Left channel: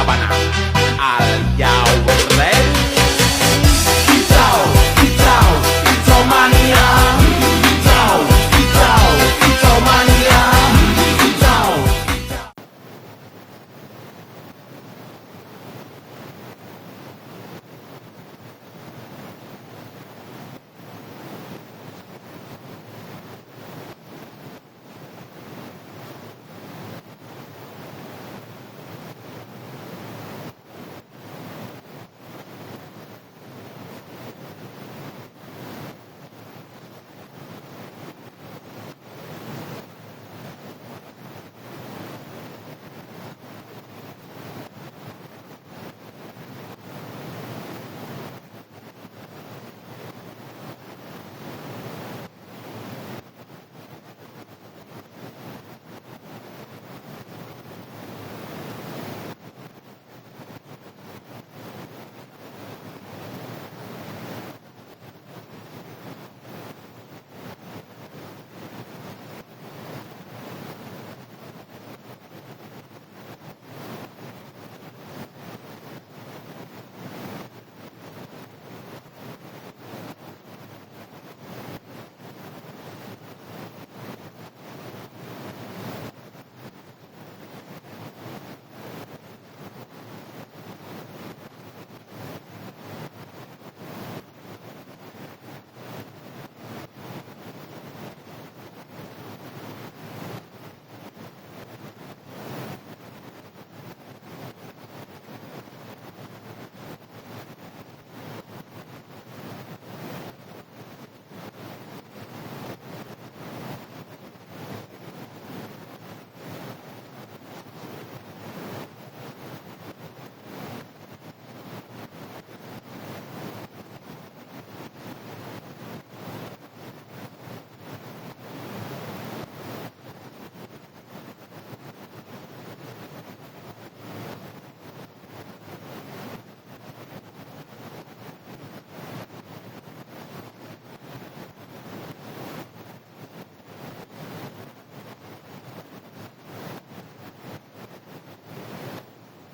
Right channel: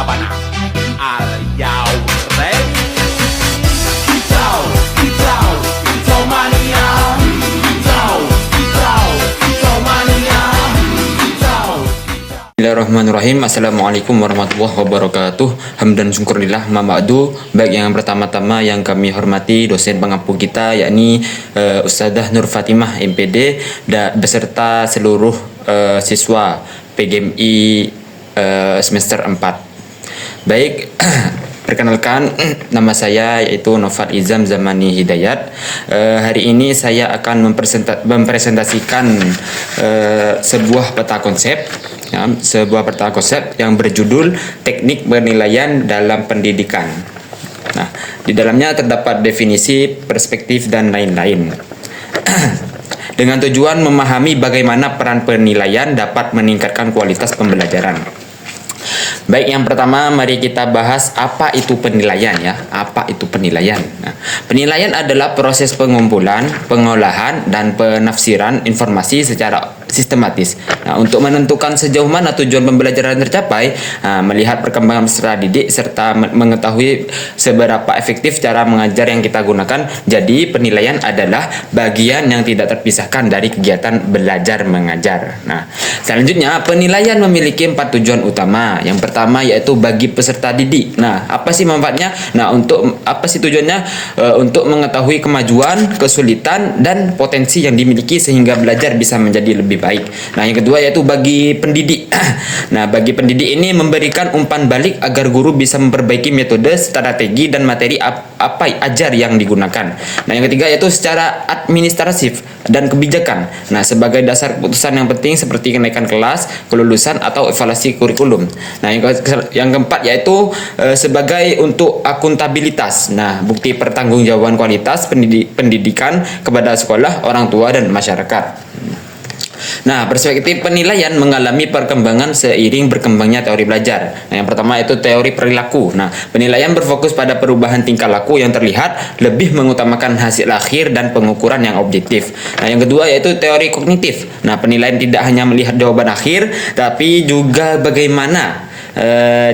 Sabana. Are you ready? Kicau, kicau, kicau mania. Kicau, kicau, kicau mania. Kicau, kicau. Bismillahirrahmanirrahim. Assalamualaikum warahmatullahi wabarakatuh. Hamdan syukurillah ma'ba'du. Baik, yang pertama-tama yang kami hormati dosen pengampu kita, yakni Ustadzah Nur Fatimah MPD beserta seluruh siswa PGMI semester 4. Baik, perkenalkan, nama saya yaitu Nofal Izam Zamani Hidayat. Hari ini saya akan mempresentasikan sebuah peta konsep, yang berjudul Teknik Penilaian dalam Pendidikan. Nah, di dalamnya terdapat definisi, perspektif, dan lain-lain. Dengan tujuan memahami bagaimana peran penilaian dapat meningkatkan kualitas pembelajaran. Baik, yang pertama mari kita bahas apa itu penilaian ya. Apa itu penilaian? Nah, penilaian adalah proses pengumpulan, pengolahan, dan penafsiran informasi secara sistematis. Nah, untuk menentukan sejauh mana tujuan pembelajaran tercapai, melihat perkembangan peserta didik serta mengetahui seberapa efektif cara mengajar yang kita gunakan. Jadi, penilaian adalah bagian yang tidak terpisahkan dari kegiatan belajar mengajar. Nah, selanjutnya penilaian memiliki 4 tujuan utama. Yang pertama yaitu bagi peserta didik. Nah, apa sih manfaatnya? Nah, untuk apa sih tujuannya? Untuk mengetahui kemajuan, kesulitan, dan potensi yang dimiliki sehingga belajar bisa menjadi lebih baik. Nah, yang kedua yaitu bagi pendidik. Nah, bagi pendidik ini memberikan umpan balik agar guru bisa memperbaiki metode, strategi, dan materi apa ajar yang digunakan. Nah, yang ketiga yaitu secara administratif dan kebijakan. Nah, sebagai dasar keputusan yang penting seperti kenaikan kelas, kelulusan, atau evaluasi kurikulum. Nah, yang keempat yaitu sebagai untuk akuntabilitas. Nah, bukti pertanggungjawaban kualitas pendidikan kepada sekolah, orang tua, dan masyarakat. Nah, perspektif penilaian mengalami perkembangan seiring berkembangnya teori belajar. Nah, yang pertama itu teori perilaku. Nah, penilaian berfokus pada perubahan tingkah laku yang terlihat, lebih mengutamakan hasil akhir dan pengukuran yang objektif. Nah, yang kedua yaitu teori kognitif. Nah, penilaian tidak hanya melihat jawaban akhir, tapi juga bagaimana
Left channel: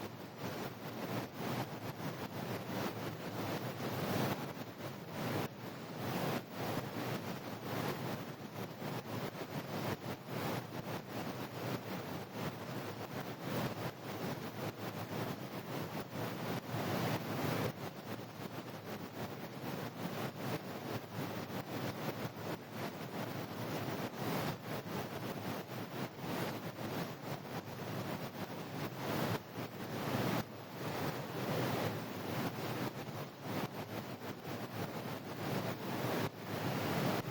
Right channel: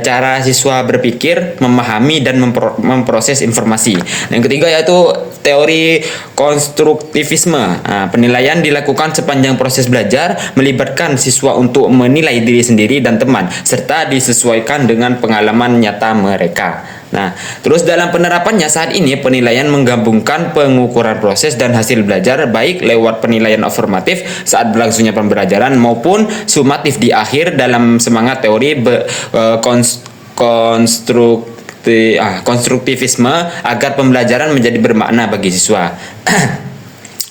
cara siswa berpikir, memahami, dan memproses informasi. Yang ketiga yaitu teori konstruktivisme. Nah, penilaian dilakukan sepanjang proses belajar, melibatkan siswa untuk menilai diri sendiri dan teman, serta disesuaikan dengan pengalaman nyata mereka. Nah, terus dalam penerapannya saat ini penilaian menggabungkan pengukuran proses dan hasil belajar baik lewat penilaian afirmatif saat berlangsungnya pembelajaran maupun sumatif di akhir dalam semangat teori konstruktivisme agar pembelajaran menjadi bermakna bagi siswa.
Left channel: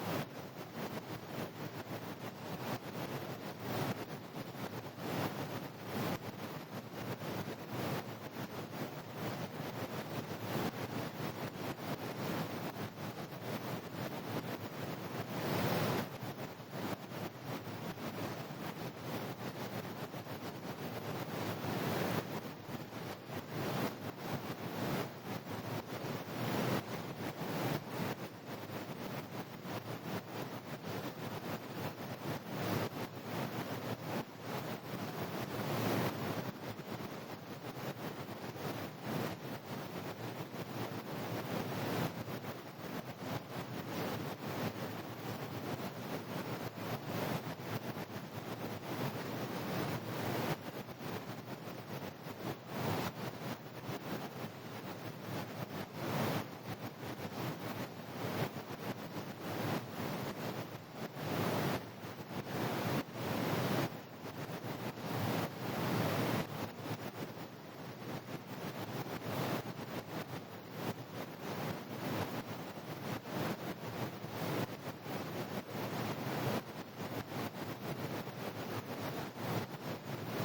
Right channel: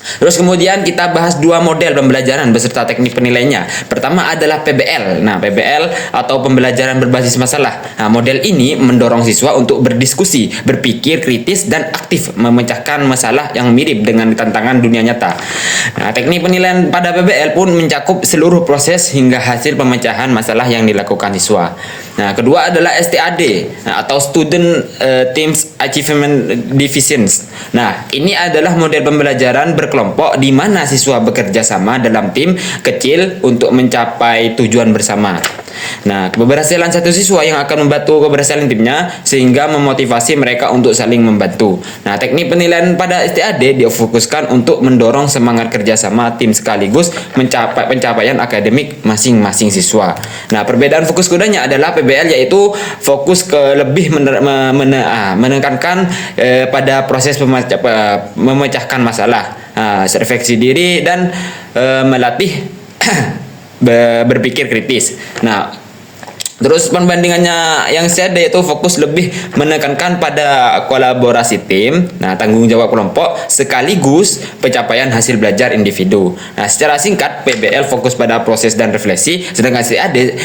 Terus kemudian kita bahas 2 model pembelajaran beserta teknik penilaiannya. Pertama adalah PBL. Nah, PBL atau pembelajaran berbasis masalah. Nah, model ini mendorong siswa untuk berdiskusi, berpikir kritis, dan aktif memecahkan masalah yang mirip dengan tantangan dunia nyata. Nah, teknik penilaian pada PBL pun mencakup seluruh proses hingga hasil pemecahan masalah yang dilakukan siswa. Nah, kedua adalah STAD, atau Student Teams Achievement Divisions. Nah, ini adalah model pembelajaran berkelompok di mana siswa bekerja sama dalam tim kecil untuk mencapai tujuan bersama. Nah, keberhasilan satu siswa yang akan membantu keberhasilan timnya sehingga memotivasi mereka untuk saling membantu. Nah, teknik penilaian pada STAD difokuskan untuk mendorong semangat kerjasama tim sekaligus mencapai pencapaian akademik masing-masing siswa. Nah, perbedaan fokus keduanya adalah PBL yaitu fokus ke lebih menekankan pada proses memecahkan masalah, refleksi diri, dan melatih berpikir kritis. Nah, terus perbandingannya yang saya ada yaitu fokus lebih menekankan pada kolaborasi tim, tanggung jawab kelompok, sekaligus pencapaian hasil belajar individu. Nah, secara singkat PBL fokus pada proses dan refleksi, sedangkan CAD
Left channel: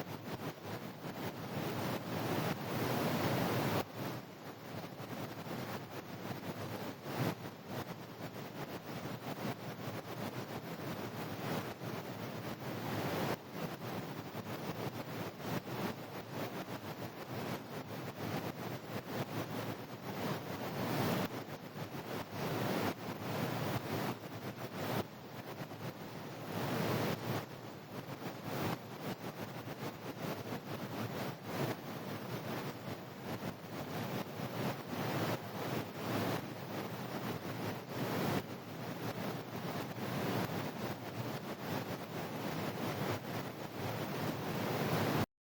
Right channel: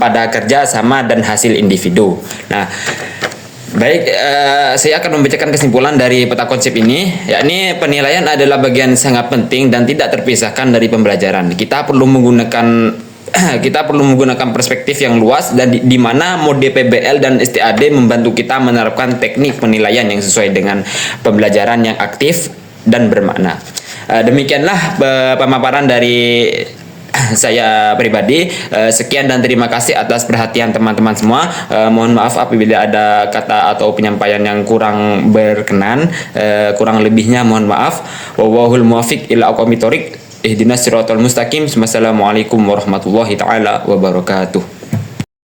pada kerja sama dan hasil individu. Nah, baik, saya akan membacakan kesimpulan dari peta konsep ini, yakni penilaian adalah bagian sangat penting dan tidak terpisahkan dari pembelajaran. Kita perlu menggunakan perspektif yang luas dan di mana mode PBL dan STAD membantu kita menerapkan teknik penilaian yang sesuai dengan pembelajaran yang aktif dan bermakna. Demikianlah pemaparan dari saya pribadi. Sekian dan terima kasih atas perhatian teman-teman semua. Mohon maaf apabila ada kata atau penyampaian yang kurang berkenan. Kurang lebihnya mohon maaf. Wallahul muwaffiq ila aqwamit thoriq. Ihdinas siratal mustaqim. Wassalamualaikum warahmatullahi taala wabarakatuh.